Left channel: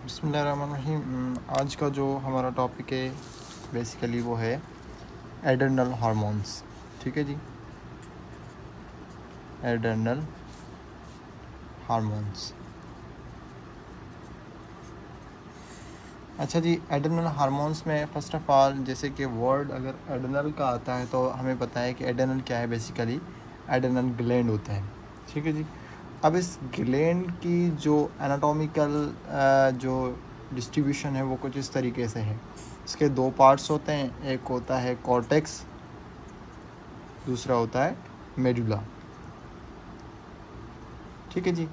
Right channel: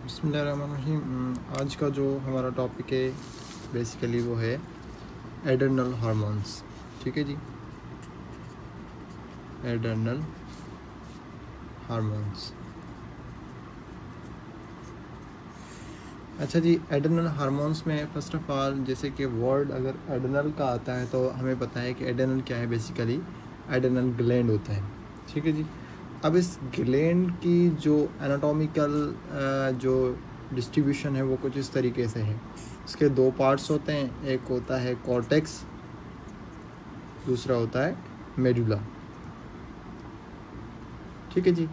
बिस्मिल्लाहिर्रहमानिर्रहीम। आज का जो हमारा टॉपिक है बेसिकली वो है एड्रेनल हार्मोन्स। ठीक है जी, एड्रेनल हार्मोन्स। अच्छा जी, एड्रेनल हार्मोन्स में फ़र्स्ट ऑफ़ ऑल जैसे कि वर्ड अगर एड्रेनल का आता है तो हमें पता है कि एड्रेनल क्या है। बेसिकली एड्रेनल ग्लैंड होता है। ठीक है जी। अब इस ग्लैंड की जो एनाटॉमिकल जो डिस्ट्रीब्यूशन है वो कुछ इस तरीके से है। इसके दो पार्ट्स होते हैं, एक होता है कॉर्टेक्स, दूसरा होता है मेडुला। ठीक है जी।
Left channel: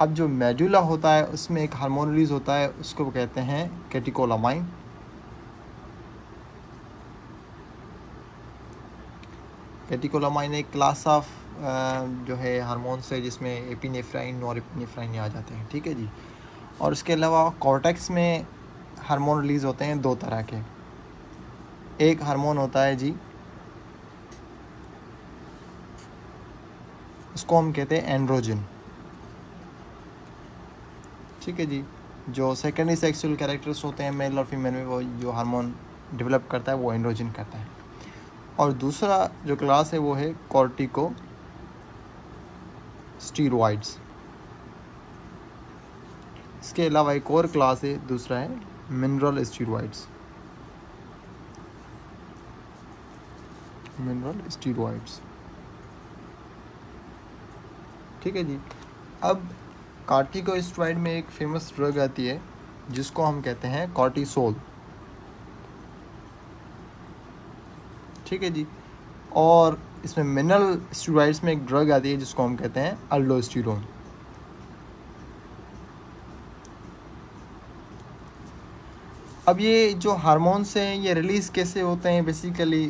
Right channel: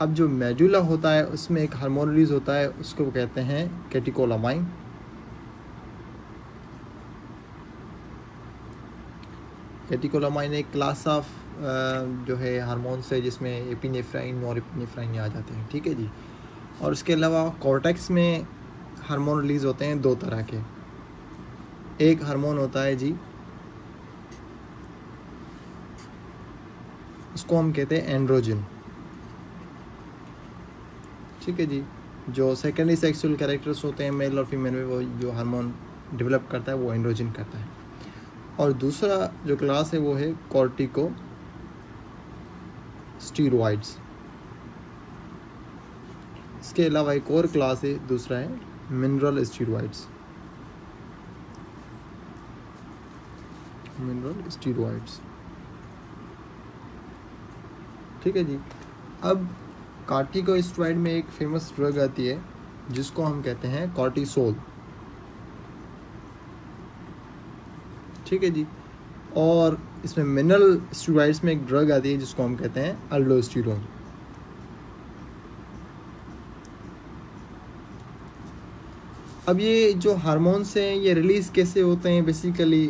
अब जो मेडुला होता है उसमें एक हार्मोन रिलीज होता है, उसको कहते हैं कैटेकोलामाइन। कैटेकोलामाइन एक क्लास ऑफ जो है हार्मोन्स है जिसमें एपिनेफ्राइन, नॉरएपिनेफ्राइन आ जाते हैं। ठीक है जी। और इसके अलावा कॉर्टेक्स में हार्मोन रिलीज होते हैं दो तरह के। एक हार्मोन होता है जी, उसको हम कहते हैं एंड्रोजन। ठीक है जी। जो सेकेंडरी सेक्सुअल कैरेक्टर्स होते हैं मेल और फीमेल में, वो जो हार्मोन डेवलप करता है वो एंड्रोजन करता है। और दूसरा जो क्लास है वो है कॉर्टिको स्टीरॉइड्स। इसके अलावा एक और क्लास है, दूसरा है मिनरल स्टीरॉइड्स। Mineral steroids. ठीक है जी। अब कॉर्टिकोस्टेरॉइड में एक फेमस ड्रग आती है जिसको हम कहते हैं कॉर्टिसोल। ठीक है जी। और इसमें मिनरल स्टीरॉइड्स में एक ड्रग आती है जिसको हम कहते हैं अल्डोस्टेरोन। अब ये जो हार्मोन्स हैं ये रिलीज कैसे होते हैं, बेसिकली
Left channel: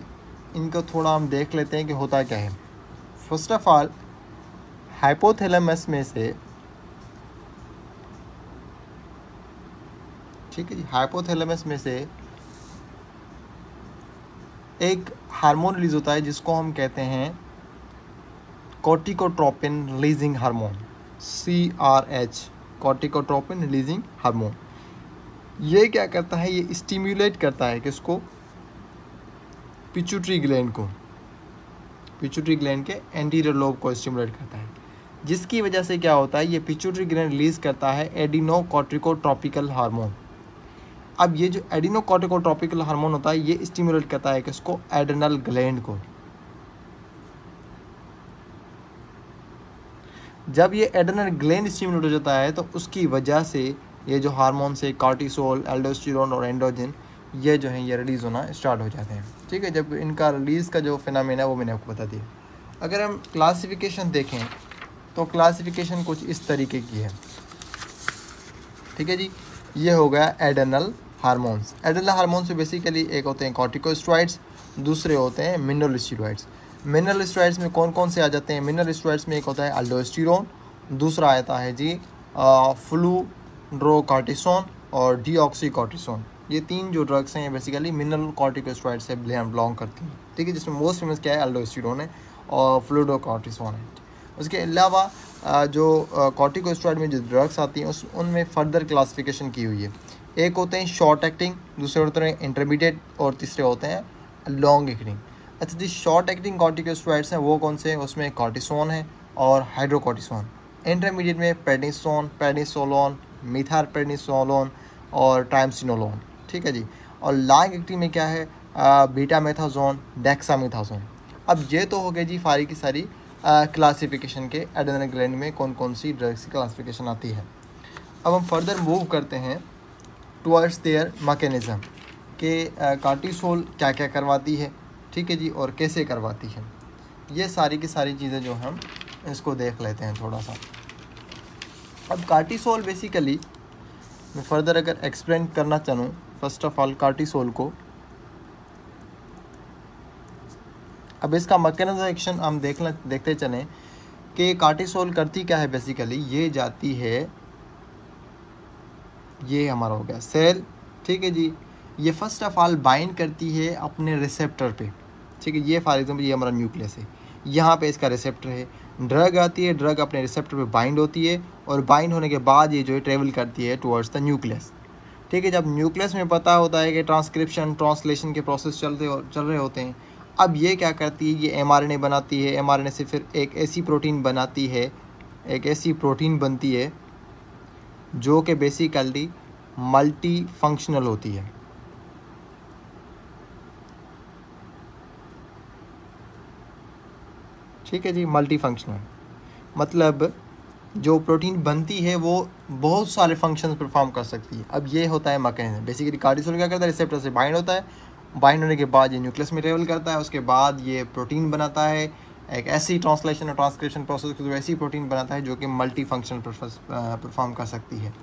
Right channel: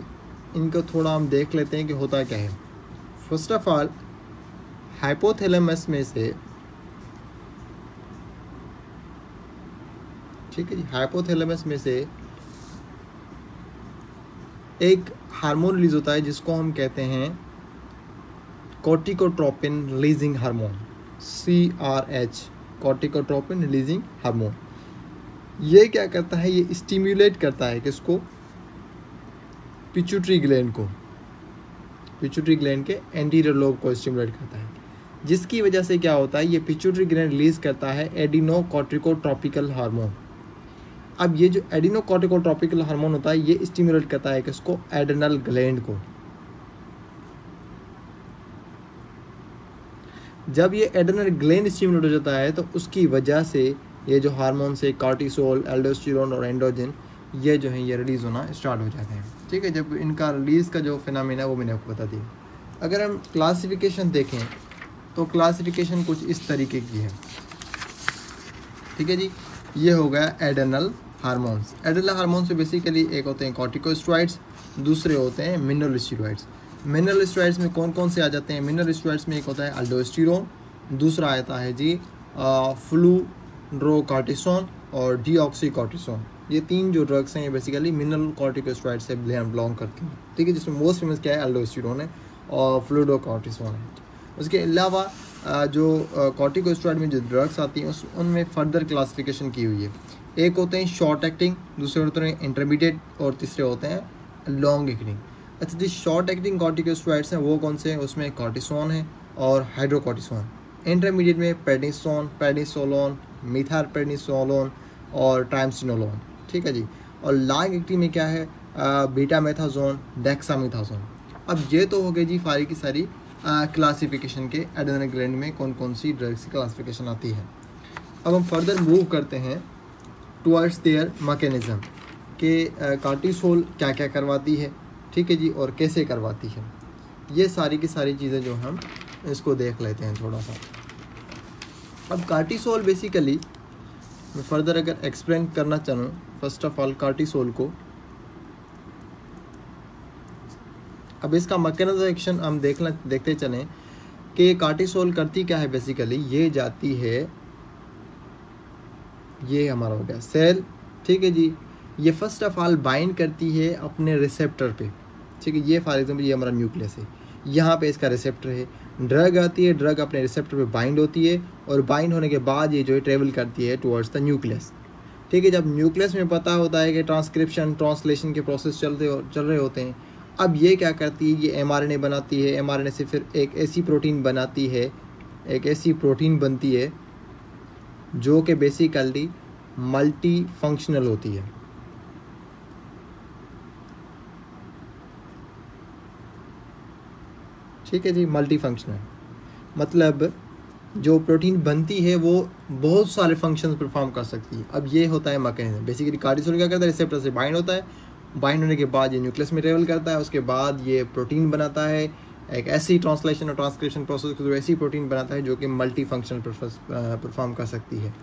इनको थोड़ा हम देख लेते हैं कि होता क्या है। फर्स्ट ऑफ ऑल हाइपोथैलेमस में से, ठीक है जी, हाइपोथैलेमस में से एक हार्मोन रिलीज होता है जिसको हम कहते हैं corticotropin releasing hormone, CRH, corticotropin releasing hormone. ये क्या करता है, ये स्टिम्युलेट करता है किसको, पिट्यूटरी ग्लैंड को, पिट्यूटरी ग्लैंड के एंटीरियर लोब को स्टिम्युलेट करता है, जिसकी वजह से क्या होता है, ये पिट्यूटरी ग्लैंड रिलीज करता है एडिनोकॉर्टिकोट्रॉपिकल हार्मोन। अब ये जो एडिनोकॉर्टिकोट्रॉपिकल हार्मोन होता है ये स्टिम्युलेट करता है किसको, एड्रेनल ग्लैंड को। जब ये एड्रेनल ग्लैंड स्टिम्युलेट हो जाता है तो उसकी वजह से ये जो हार्मोन से कॉर्टिसोल, एल्डोस्टेरोन और एंड्रोजन ये जो है ये रिलीज होना स्टार्ट हो जाते हैं। ठीक है। जब इनका रिलीज का जो फिनोमेना वो मैंने आपको बता दिया। अगर हम क्लासिफिकेशन देखें तो क्लासिफिकेशन कुछ इस तरीके की है। ठीक है जी। ये हो गया एड्रेनल हार्मोन्स। एड्रेनल हार्मोन्स से बेसिकली एक होते हैं कॉर्टिकोस्टेरॉइड्स, दूसरे होते हैं मिनरल स्टेरॉइड्स। मिनरल स्टेरॉइड्स में कौन कौन से आ जाते हैं, मिनरल स्टेरॉइड्स में एक होता है अल्डोस्टेरोन, दूसरा आता है जी फ्लूरोकॉर्टिसोन और डीऑक्सीकॉर्टिसोन। ये तीन जो ड्रग्स हैं ये बेसिकली मिनरल कॉर्टिकोस्टेरॉइड से बिलोंग करती हैं। ठीक है। जिसमें मोस्ट फेमस क्या है, अल्डोस्टेरोन है और फ्लूरोकॉर्टिसोन है। उसके अलावा जो कॉर्टिकोस्टेरॉइड में जो ड्रग्स आती हैं उनमें फर्दर क्लासिफिकेशन की हुई है। एक होते हैं शॉर्ट एक्टिंग, दूसरे होते हैं इंटरमीडिएट और तीसरे होते हैं लॉन्ग एक्टिंग। अच्छा जी, शॉर्ट एक्टिंग कॉर्टिकोस्टेरॉइड्स हैं वो कौन से हैं, उसमें कॉर्टिसोन है और हाइड्रोकॉर्टिसोन। इंटरमीडिएट में पेडिसोन, पेडिसोलोन, मिथाइलपेडिसोलोन और ट्राइमसिनोलोन। ठीक है जी। और लॉन्ग एक्टिंग में क्या है, बीटामेथाजोन, डेक्सामेथाजोन। अब ये तो हो गई जी सारी की सारी क्लासिफिकेशन के एड्रेनल ग्लैंड में कौन कौन सी ड्रग्स की क्लासिफिकेशन आती है। अब हम फर्दर मूव करते हैं टुवर्ड्स देयर मैकेनिज्म कि कॉर्टिसोल क्या क्या करवाती है। ठीक है जी। और कैसे करवाती है, ये सारी की सारी चीज़ें जो हम इसको देख लेते हैं थोड़ा सा। अब कॉर्टिसोल बेसिकली मैं फर्दर अगर एक्सप्लेन करना चाहूँ, फर्स्ट ऑफ ऑल कॉर्टिसोल को, अब इसका मैकेनिज्म एक्शन हम देखते चलें कि कॉर्टिसोल करती क्या है। बेसिकली ये जाती है, ये हमारा हो गया सेल। ठीक है जी। ये फर्स्ट ऑफ ऑल बाइंड करती है अपने रिसेप्टर पे। ठीक है। ये फॉर एग्जांपल ये हमारा न्यूक्लियस है, यहाँ पे इसका रिसेप्टर है। ड्रग आती है, ड्रग अपने रिसेप्टर पे बाइंड होती है और बाइंड होने के बाद ये जो है ट्रेवल करती है टुवर्ड्स द न्यूक्लियस। ठीक है। जब न्यूक्लियस में पता होता है कि ट्रांसक्रिप्शन ट्रांसलेशन के प्रोसेस चल रहे होते हैं, अब ये क्या करती है, ये एमआरएनए बनाती है, एमआरएनए से फिर एक ऐसी प्रोटीन बनाती है, एक ऐसी प्रोटीन बनती है जो कि बेसिकली मल्टी फंक्शनल होती है। ठीक है जी, मल्टी फंक्शनल मतलब जो प्रोटीन बनती है वो बहुत सारे फंक्शंस परफॉर्म कर सकती है। अब ये होता है मैकेनिज्म। बेसिकली कार्टिसोल क्या करता है, रिसेप्टर से बाइंड होता है, बाइंड होने के बाद ये न्यूक्लियस में ट्रेवल करता है, उसके बाद ये प्रोटीन बनाता है, एक ऐसी ट्रांसलेशन और ट्रांसक्रिप्शन प्रोसेस के थ्रू ऐसी प्रोटीन बनाता है जो कि मल्टी फंक्शनल परफॉर्म कर सकती है।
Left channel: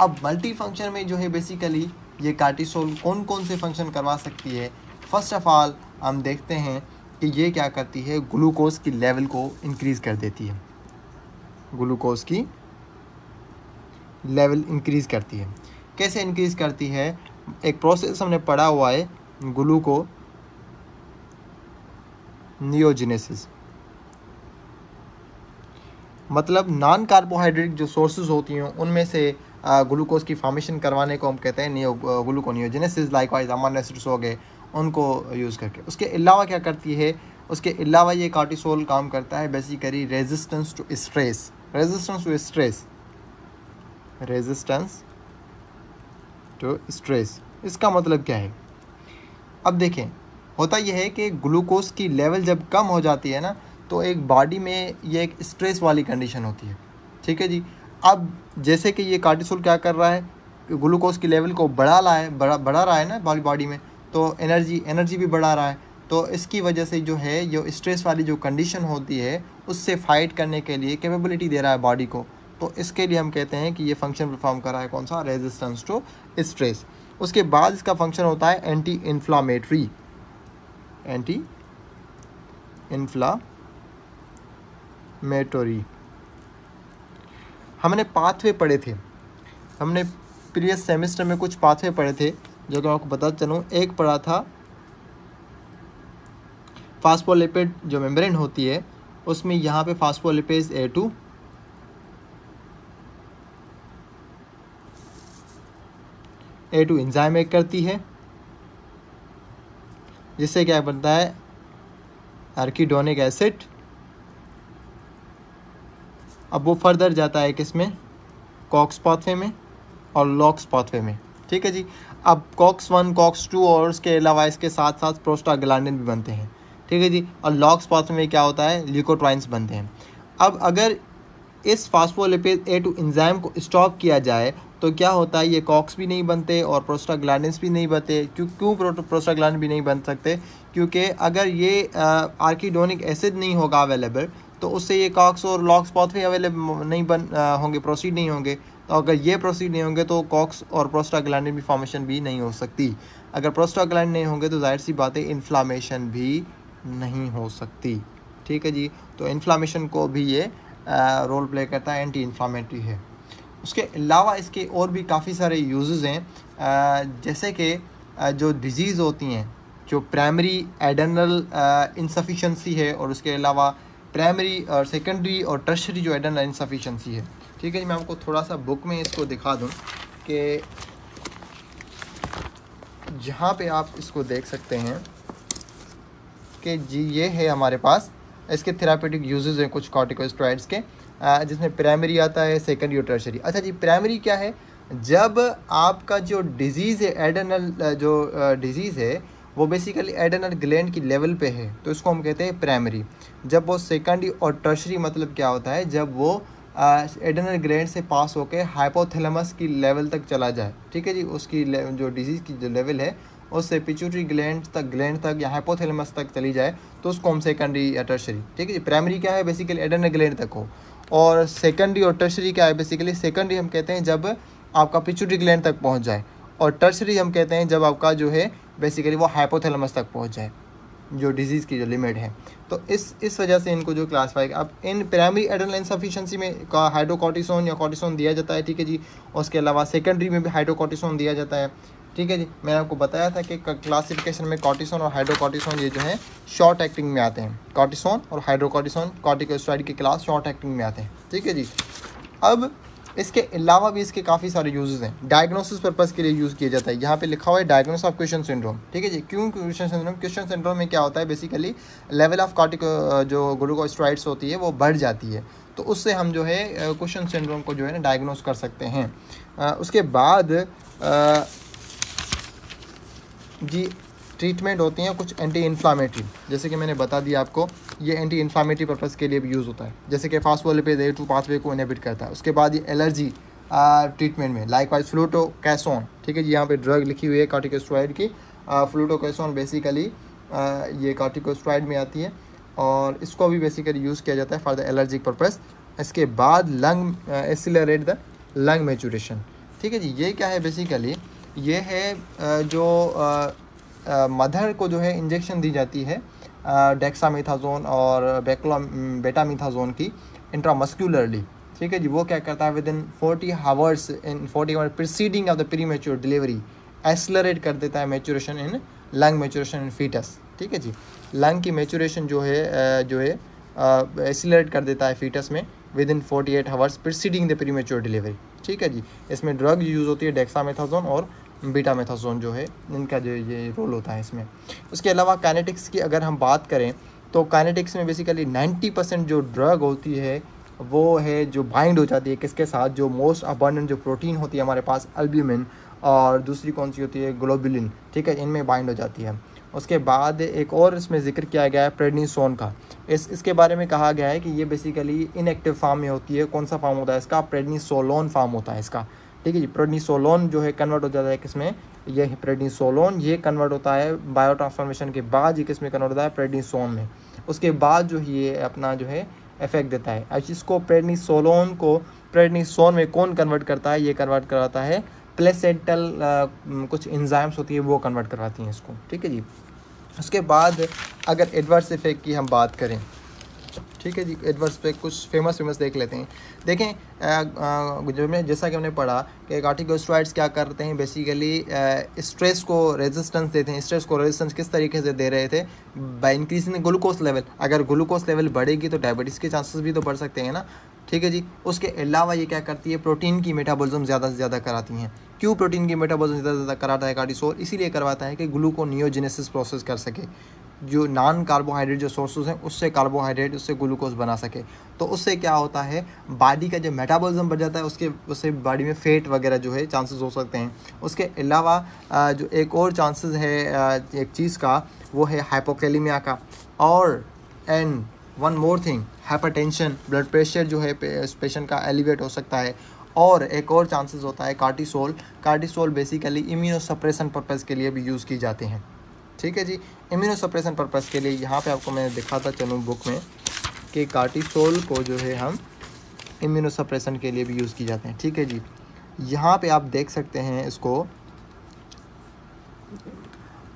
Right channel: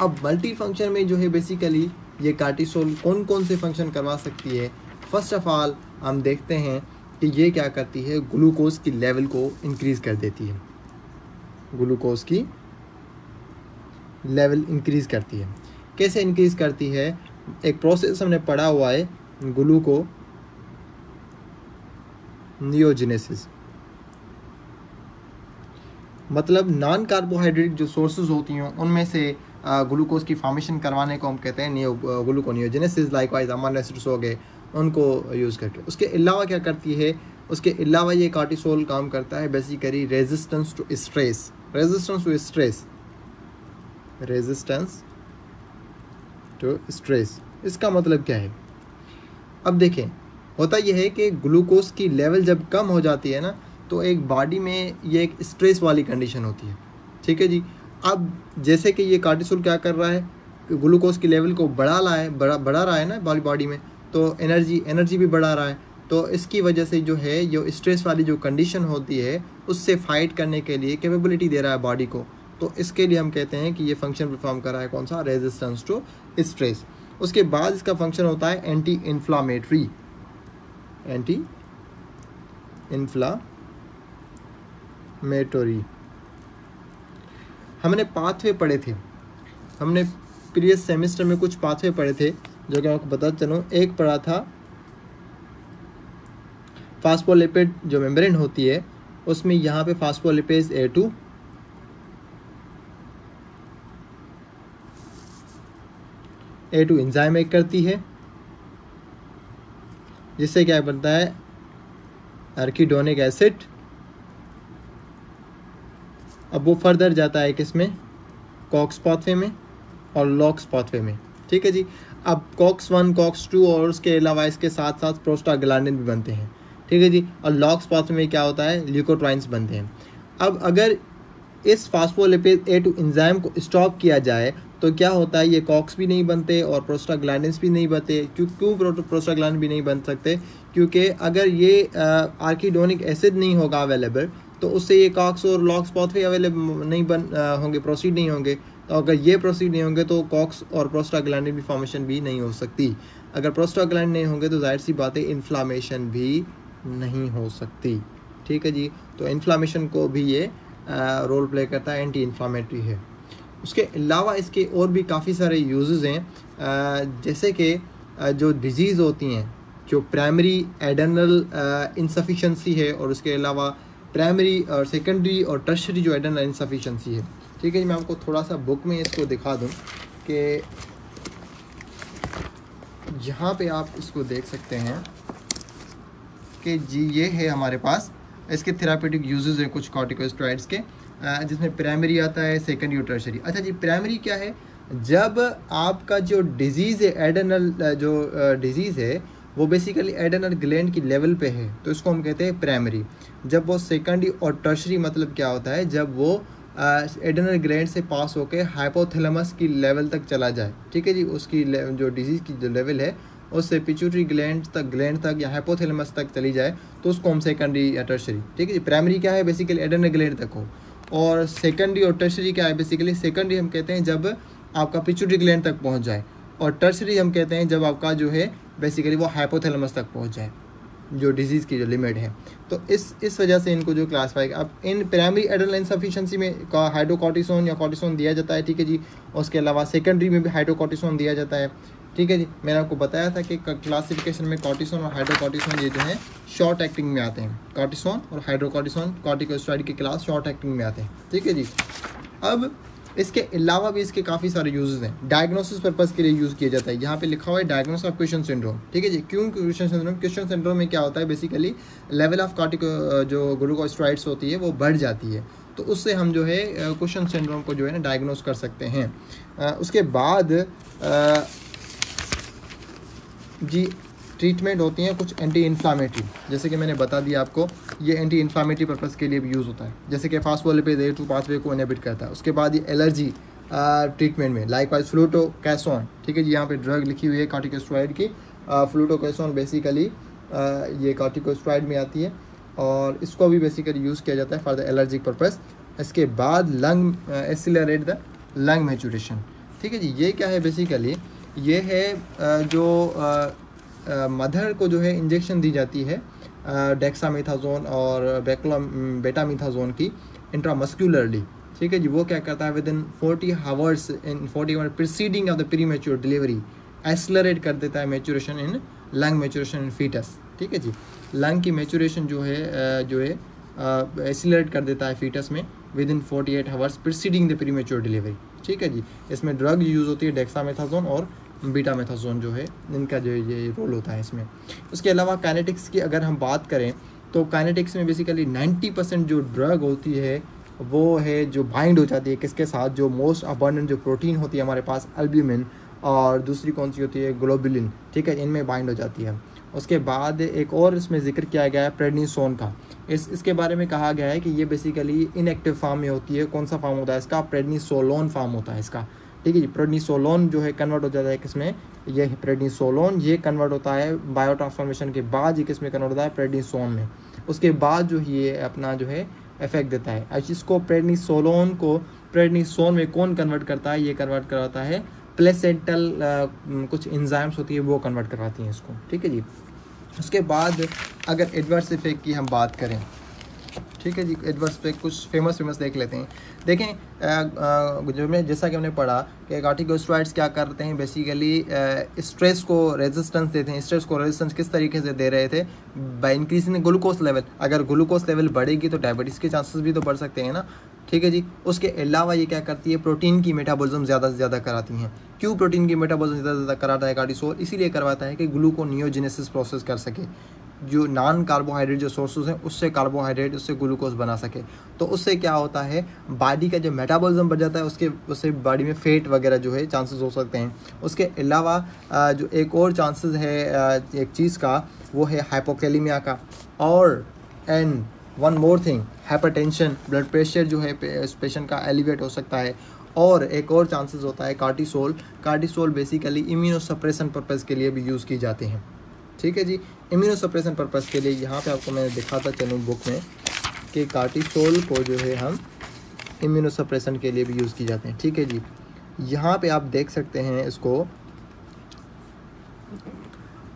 अब मल्टी फंक्शन में जो है बेसिकली ये कार्टिसोल कौन कौन से फंक्शन करवा सकती है। फर्स्ट ऑफ ऑल हम देखते हैं कि ये क्या करती है, ग्लूकोज की लेवल को इंक्रीज़ कर देती है। ग्लूकोज की लेवल इंक्रीज़ करती है। कैसे इंक्रीज़ करती है, एक प्रोसेस हमने पढ़ा हुआ है ग्लूकोनियोजेनेसिस, मतलब नॉन कार्बोहाइड्रेट जो सोर्सेज होती हैं उनमें से ग्लूकोज की फॉर्मेशन करवाने को हम कहते हैं ग्लूकोनियोजेनेसिस। लाइकवाइज अमीनो एसिड्स हो गए उनको यूज़ करके। उसके अलावा क्या करती है, उसके अलावा ये कार्टिसोल काम करता है basically resistance to stress. Resistance to stress, resistance to stress, इसका मतलब क्या है। अब देखें, होता यह है कि ग्लूकोज की लेवल जब कम हो जाती है ना, तो एक बॉडी में ये एक स्ट्रेस वाली कंडीशन होती है। ठीक है जी। अब जैसे कि ये कार्टिसोल क्या कर रहा है, ग्लूकोज की लेवल को बढ़ा रहा है ना बॉडी में, तो एनर्जी भी बढ़ा रहा है। तो इसकी वजह से जो है ये स्ट्रेस वाली जो कंडीशन होती है उससे फाइट करने के लिए कैपेबिलिटी दे रहा है बॉडी को। तो इसके लिए हम कहते हैं कि ये फंक्शन परफॉर्म कर रहा है कौन सा, रेजिस्टेंस टू स्ट्रेस। उसके बाद इसका फंक्शन होता है एंटी इन्फ्लामेटरी। एंटी इन्फ्लामेटरी हमने पाथवे पढ़े थे, हमने प्रीवियस सेमेस्टर में कुछ पाथवे पढ़े थे जो कि आपको बता चलूँ। एक पढ़ा था फास्फोलिपिड जो मेम्ब्रेन होती है उसमें यहाँ पे फास्फोलिपेज A2 एंजाइम एक करती है, जिससे क्या बनता है, आर्किडोनिक एसिड। अब वो फर्दर जाता है किसमें, कॉक्स पाथवे में और लॉक्स पाथवे में। ठीक है जी। अब कॉक्स 1 कॉक्स 2 और उसके अलावा इसके साथ साथ प्रोस्टाग्लैंडिन भी बनते हैं। ठीक है जी। और लॉक्स पाथवे में क्या होता है, ल्यूकोट्राइन्स बनते हैं। अब अगर इस फास्फोलिपेज A2 एंजाइम को स्टॉप किया जाए तो क्या होता है, ये कॉक्स भी नहीं बनते और प्रोस्टाग्लैंडिन्स भी नहीं बनते। क्यों प्रोस्टाग्लैंडिन भी नहीं बन सकते, क्योंकि अगर ये आर्किडोनिक एसिड नहीं होगा अवेलेबल तो उससे ये कॉक्स और लॉक्स पाथवे अवेलेबल नहीं होंगे, प्रोसीड नहीं होंगे। तो अगर ये प्रोसीड नहीं होंगे तो कॉक्स और प्रोस्टाग्लैंडिन भी फॉर्मेशन भी नहीं हो सकती। अगर प्रोस्टाग्लैंडिन नहीं होंगे तो जाहिर सी बात है इन्फ्लामेशन भी नहीं हो सकती। ठीक है जी। तो इन्फ्लामेशन को भी ये रोल प्ले करता है, एंटी इन्फ्लामेटरी है। उसके अलावा इसके और भी काफ़ी सारे यूजेस हैं, जैसे कि जो डिजीज़ होती हैं, जो प्राइमरी एडेनल इंसफिशेंसी है और उसके अलावा प्राइमरी और सेकेंडरी और टर्शरी जो एडेनल इंसफिशेंसी है। ठीक है जी। मैं आपको थोड़ा सा बुक में इसको दिखा दूं कि जहाँ पे आप इसको देख सकते हैं कि जी ये है हमारे पास, इसके थेरापेटिक यूजेस हैं कुछ कॉर्टिकोस्टेरॉइड्स के, जिसमें प्राइमरी आता है, सेकेंडरी और टर्शरी। अच्छा जी, प्राइमरी क्या है, जब आपका जो डिजीज़ है, एडेनल जो डिजीज़ है वो बेसिकली एडेनल ग्लैंड की लेवल पे है तो इसको हम कहते हैं प्राइमरी। जब वो सेकेंडरी और टर्शरी मतलब क्या होता है, जब वो एडेनल ग्लैंड से पास होकर हाइपोथैलेमस की लेवल तक चला जाए। ठीक है जी। उसकी जो डिजीज़ की जो लेवल है उससे पिट्यूटरी ग्लैंड तक या हाइपोथैलेमस तक चली जाए तो उसको हम सेकेंडरी या टर्शरी। ठीक है जी। प्राइमरी क्या है, बेसिकली एडेनल ग्लैंड तक हो, और सेकेंडरी और टर्शरी क्या है, बेसिकली सेकेंडरी हम कहते हैं जब आपका पिट्यूटरी ग्लैंड तक पहुंच जाए, और टर्शरी हम कहते हैं जब आपका जो है बेसिकली वो हाइपोथैलेमस तक पहुंच जाए, जो डिजीज़ की जो लिमिट है। तो इस वजह से इनको जो क्लासिफाई, अब इन प्राइमरी एडेनल इनसफिशिएंसी में हाइड्रोकॉर्टिसोन या कॉर्टिसोन दिया जाता है। ठीक है जी। उसके अलावा सेकेंडरी में भी हाइड्रोकॉर्टिसोन दिया जाता है। ठीक है जी। मैंने आपको बताया था कि क्लासिफिकेशन में कॉर्टिसोन और हाइड्रोकॉर्टिसोन ये जो है शॉर्ट एक्टिंग में आते हैं। कॉर्टिसोन और हाइड्रोकॉर्टिसोन कॉर्टिकोस्टेरॉइड की क्लास शॉर्ट एक्टिंग में आते हैं। ठीक है जी। अब इसके अलावा भी इसके काफ़ी सारे यूजेस हैं। डायग्नोसिस पर्पज़ के लिए यूज़ किया जाता है। यहाँ पे लिखा हुआ है डायग्नोसिस ऑफ क्वेश्चन सिंड्रोम, ठीक है जी। क्यों क्वेश्चन सिंड्रोम? क्वेश्चन सिंड्रोम में क्या होता है, बेसिकली लेवल ऑफ जो ग्लूकोस्टेरॉइड्स होती है वो बढ़ जाती है, तो उससे हम जो है क्वेश्चन सिंड्रोम को जो है ना डायग्नोस कर सकते हैं। उसके बाद जी ट्रीटमेंट होती हैं कुछ एंटी इन्फ्लामेटरी, जैसे कि मैंने बता दिया आपको, ये एंटी इन्फ्लामेटरी पर्पज़ के लिए भी यूज़ होता है, जैसे कि फास्फोलिपिड A2 पाथवे को इनहिबिट करता है। उसके बाद ये एलर्जी ट्रीटमेंट में लाइकवाइज फ्लूटोकैसोन, ठीक है जी, यहाँ पे ड्रग लिखी हुई है कॉर्टिकोस्टेरॉइड की। फ्लूटोकैसोन बेसिकली ये कॉर्टिकोस्टेरॉइड में आती है और इसको भी बेसिकली यूज़ किया जाता है फॉर द एलर्जिक पर्पज़। इसके बाद lung accelerate the lung maturation, ठीक है जी। ये क्या है, बेसिकली ये है जो मदर को जो है इंजेक्शन दी जाती है डेक्सामेथाजोन और बेटामेथाजोन की इंट्रामस्कुलरली, ठीक है जी। वो क्या करता है, with in 40 hours preceding of the premature delivery accelerate कर देता है मैच्योरेशन इन लंग मैच्योरेशन इन फीटस, ठीक है जी। लंग की मैच्योरेशन जो है एक्सेलरेट कर देता है फीटस में with in 48 hours preceding the premature delivery, ठीक है जी। इसमें ड्रग यूज़ होती है डेक्सामेथाजोन और बीटामेथाजोन जो है, इनका जो ये रोल होता है इसमें। उसके अलावा काइनेटिक्स की अगर हम बात करें तो काइनेटिक्स में बेसिकली 90% जो ड्रग होती है वो है जो बाइंड हो जाती है किसके साथ, जो मोस्ट अबंडेंट जो प्रोटीन होती है हमारे पास अल्ब्यूमिन, और दूसरी कौन सी होती है ग्लोबुलिन, ठीक है, इनमें बाइंड हो जाती है। उसके बाद एक और इसमें जिक्र किया गया है प्रेडनिसोन का। इसके बारे में कहा गया है कि ये बेसिकली इनएक्टिव फॉर्म में होती है। कौन सा फॉर्म होता है इसका, प्रेडनिसोलोन फॉर्म होता है इसका, ठीक है जी। प्रेडनिसोलोन जो है कन्वर्ट हो जाता है किसमें, ये प्रेडनिसोलोन ये कन्वर्ट होता है बायो ट्रांसफॉर्मेशन के बाद, ये किसमें कन्वर्ट होता है, प्रेडनिसोन में। उसके बाद जो ये अपना जो है इफेक्ट देता है। अब इसको प्रेडनिसोलोन को प्रेडनिसोन में कौन कन्वर्ट करता है, ये कन्वर्ट कराता है प्लेसेंटल कुछ एंजाइम्स होती है वो कन्वर्ट करवाती हैं इसको, ठीक है जी। उसके बाद अगर एडवर्स इफेक्ट की हम बात करें, ठीक है जी, एडवर्स इफेक्ट कुछ फेमस देख लेते हैं। देखें जो में जैसा कि हमने पढ़ा कि कॉर्टिकोस्टेरॉइड्स क्या करते हैं, बेसिकली स्ट्रेस को रेजिस्टेंस देते हैं। स्ट्रेस को रेजिस्टेंस किस तरीके से दे रहे थे, बाय इंक्रीजिंग ग्लूकोज लेवल। अगर ग्लूकोज लेवल बढ़ेगी तो डायबिटीज़ के चांसेस भी तो बढ़ सकते हैं ना, ठीक है जी। उसके अलावा ये क्या करती है, प्रोटीन की मेटाबॉलिज्म ज़्यादा से ज़्यादा कराती हैं। क्यों प्रोटीन की मेटाबॉलिज्म ज़्यादा से ज़्यादा कराता है कार्टिसोल, इसीलिए करवाता है कि ग्लूकोनियोजेनेसिस प्रोसेस कर सके, जो नॉन कार्बोहाइड्रेट जो सोर्सेज हैं उससे कार्बोहाइड्रेट उससे ग्लूकोज बना सके। तो उससे क्या होता है, बॉडी का जो मेटाबॉलिज्म बढ़ जाता है, उससे बॉडी में फैट वगैरह जो है चांसेस हो सकते हैं। उसके अलावा जो एक और चांसेस है एक चीज़ का, वो है हाइपोकैलेमिया का। और and one more thing, hypertension, blood pressure जो है पेशेंट का एलिवेट हो सकता है। और एक और चांसेस होता है कार्टिसोल बेसिकली इम्यूनोसप्रेशन पर्पज़ के लिए भी यूज़ की जाते हैं, ठीक है जी। इम्यूनोसप्रेशन पर्पज़ के लिए यहाँ पे आपको मैंने दिखाता चलूँ बुक में कि कार्टिसोल को जो है हम इम्यूनोसप्रेशन के लिए भी यूज़ की जाते हैं, ठीक है जी। यहाँ पे आप देख सकते हैं इसको,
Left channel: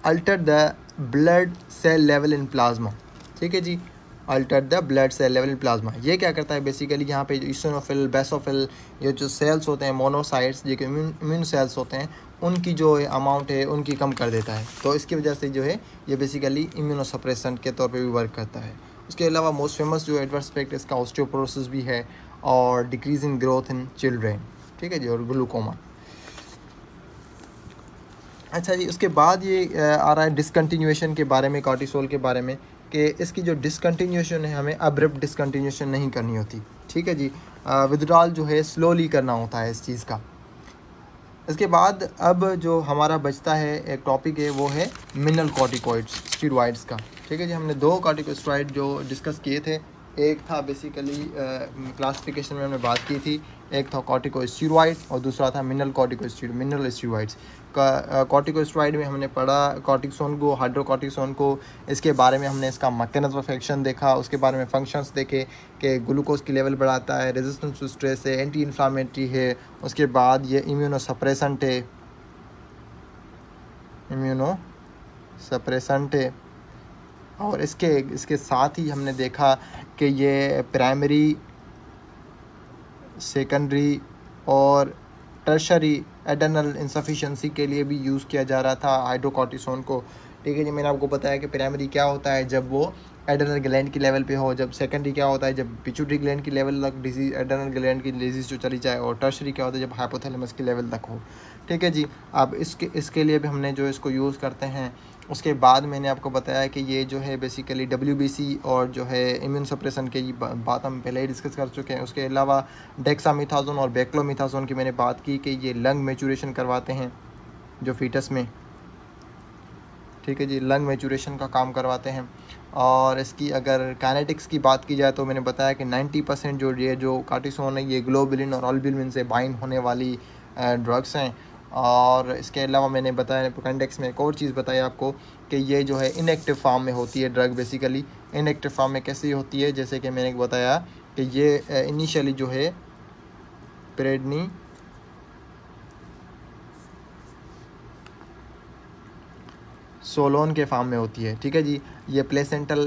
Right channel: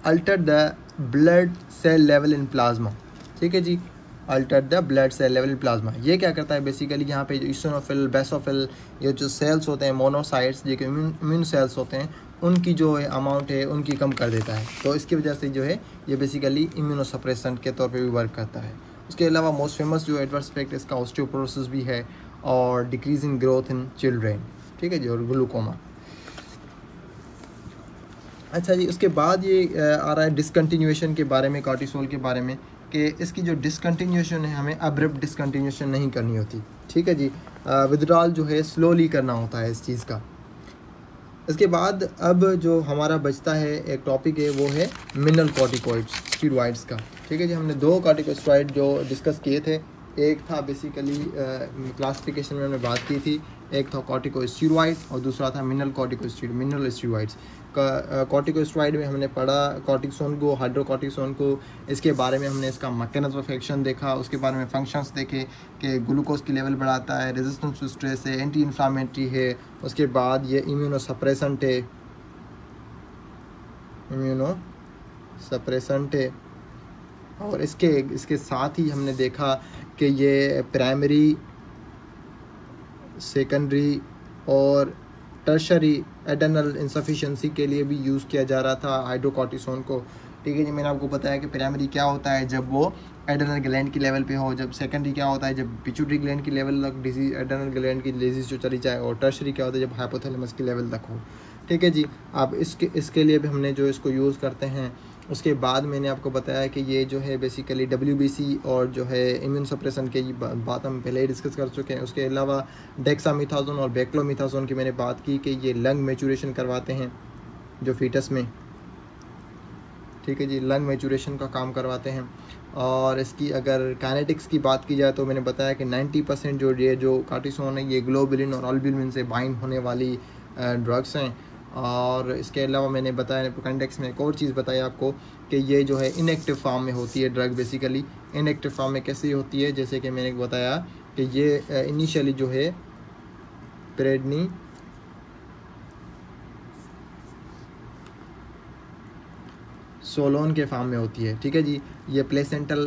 alter the blood cell level in plasma, ठीक है जी, alter the blood cell level in plasma. ये क्या करता है, बेसिकली यहाँ पे ईओसिनोफिल, बेसोफिल, ये जो सेल्स होते हैं मोनोसाइट्स, जो कि इम्यून सेल्स होते हैं, उनकी जो अमाउंट है उनकी कम कर देता है। तो इसकी वजह से जो है ये बेसिकली इम्यूनोसप्रेशन के तौर पे भी वर्क करता है। उसके अलावा मोस्ट फेमस जो एडवर्स इफेक्ट इसका ऑस्टियोपोरोसिस भी है और decrease in growth in children, ठीक है जी, और ग्लूकोमा। अच्छा जी, उसके बाद ये आ रहा है डिसकंटिन्यूएशन के बारे में, कार्टिसोल के बारे में, कि इसकी जो डिसकंटिन्यूएशन है हमें अब्रप्ट डिसकंटिन्यूएशन नहीं करनी होती, ठीक है जी। विथड्रॉल जो है स्लोली करना होता है इस चीज़ का। इसके बाद अब जो हमारा बचता है एक टॉपिक है, वो है मिनरल कॉर्टिकोइड्स, स्टेरॉइड्स का, ठीक है जी। हमने दो कॉर्टिकोस्टेरॉइड जो डिस्कस किए थे, एक था बेसिकली क्लासिफिकेशन में हमने बात की थी, एक था कॉर्टिकोस्टेरॉइड और दूसरा था मिनरल स्टेरॉइड्स। कॉर्टिकोस्टेरॉइड में हमने पढ़ा कॉर्टिसोन को, हाइड्रोकॉर्टिसोन को, इसके बारे में हमने इसका मैकेनिज्म ऑफ एक्शन देखा, उसके बारे में फंक्शंस देखे कि ग्लूकोज की लेवल बढ़ाता है, रेजिस्टेंस टू स्ट्रेस है, एंटी इन्फ्लामेटरी है, उसके बाद ये इम्यूनोसप्रेसेंट है, और इसके साथ ही हमने देखा कि ये प्राइमरी, सेकेंडरी और टर्शरी एड्रेनल इंसफिशिएंसी के लिए भी यूज़ किया जा रहा था हाइड्रोकॉर्टिसोन को, ठीक है जी। मैंने आपको बताया कि प्राइमरी क्या होता है जब वो एड्रेनल ग्लैंड की लेवल पे हो, जब सेकेंडरी क्या होता है जब पिट्यूटरी ग्लैंड की लेवल तक डिजीज एड्रेनल ग्लैंड की डिजीज जो चली जाए, और टर्शरी क्या होता है जब हाइपोथैलेमस की लेवल तक हो। ठीक है जी। अब इसके लिए भी हमने जो इसको यूज़ करते हैं। उसके बाद मैंने आपको बताया कि ये जो है बेसिकली WBC और जो है इम्यून सप्रेशन के बात हम पहले ही डिस्कस कर चुके हैं। उसके अलावा डेक्सामेथासोन और बेक्लोमेथासोन की मैंने बात की कि ये लंग मैचुरेशन करवाते हैं जो फीटस में। ठीक है जी, लंग मैचुरेशन का काम करवाते हैं। और इसकी अगर काइनेटिक्स की बात की जाए तो मैंने बताया कि 90% जो कार्टिसोन है ये ग्लोबुलिन और अल्ब्यूमिन से बाइंड होने वाली ड्रग्स हैं। और इसके अलावा मैंने बताया अपेंडिक्स में एक और चीज़ बताई आपको कि ये जो है इनएक्टिव फॉर्म में होती है ड्रग। बेसिकली इनएक्टिव फॉर्म में कैसी होती है, जैसे कि मैंने बताया कि ये इनिशियली जो है प्रेडनिसोलोन के फॉर्म में होती है। ठीक है जी। ये प्लेसेंटल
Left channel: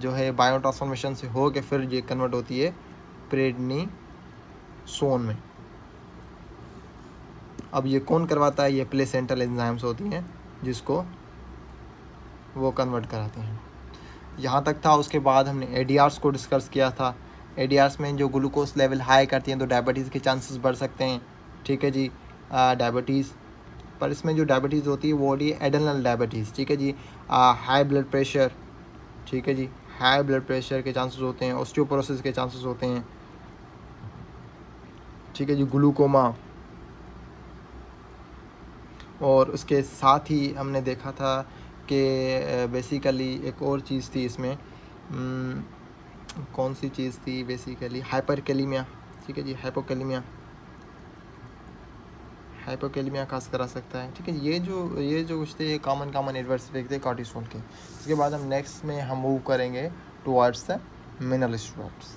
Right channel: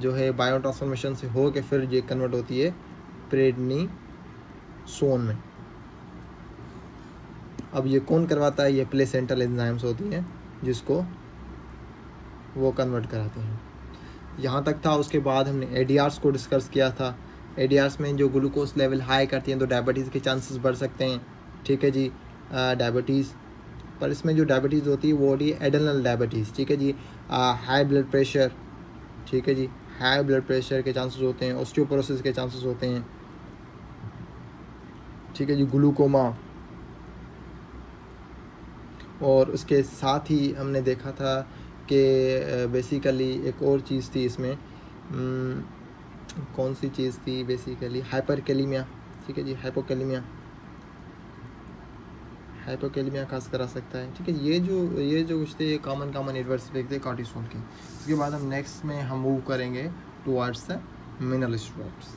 जो है बायो ट्रांसफॉर्मेशन से हो के फिर ये कन्वर्ट होती है प्रेडनिसोन में। अब ये कौन करवाता है, ये प्लेसेंटल एंजाइम्स होती हैं जिसको वो कन्वर्ट कराते हैं। यहाँ तक था। उसके बाद हमने ADRs को डिस्कस किया था। ADRs में जो ग्लूकोज लेवल हाई करती हैं तो डायबिटीज़ के चांसेस बढ़ सकते हैं। ठीक है जी। डायबिटीज़ पर इसमें जो डायबिटीज़ होती है वो होती है एड्रेनल डायबिटीज़। ठीक है जी। हाई ब्लड प्रेशर, ठीक है जी, हाई ब्लड प्रेशर के चांसेस होते हैं, ऑस्टियोपोरोसिस के चांसेस होते हैं। ठीक है जी। ग्लूकोमा, और उसके साथ ही हमने देखा था कि बेसिकली एक और चीज़ थी इसमें, कौन सी चीज़ थी बेसिकली, हाइपरकैलेमिया। ठीक है जी। हाइपोकैलेमिया खास करा सकता है। ठीक है। ये जो कुछ थे कॉमन एडवर्स इफेक्ट थे कॉर्टिसोल के। इसके बाद हम नेक्स्ट में हम मूव करेंगे टुवर्ड्स द मिनरल स्टेरॉइड्स।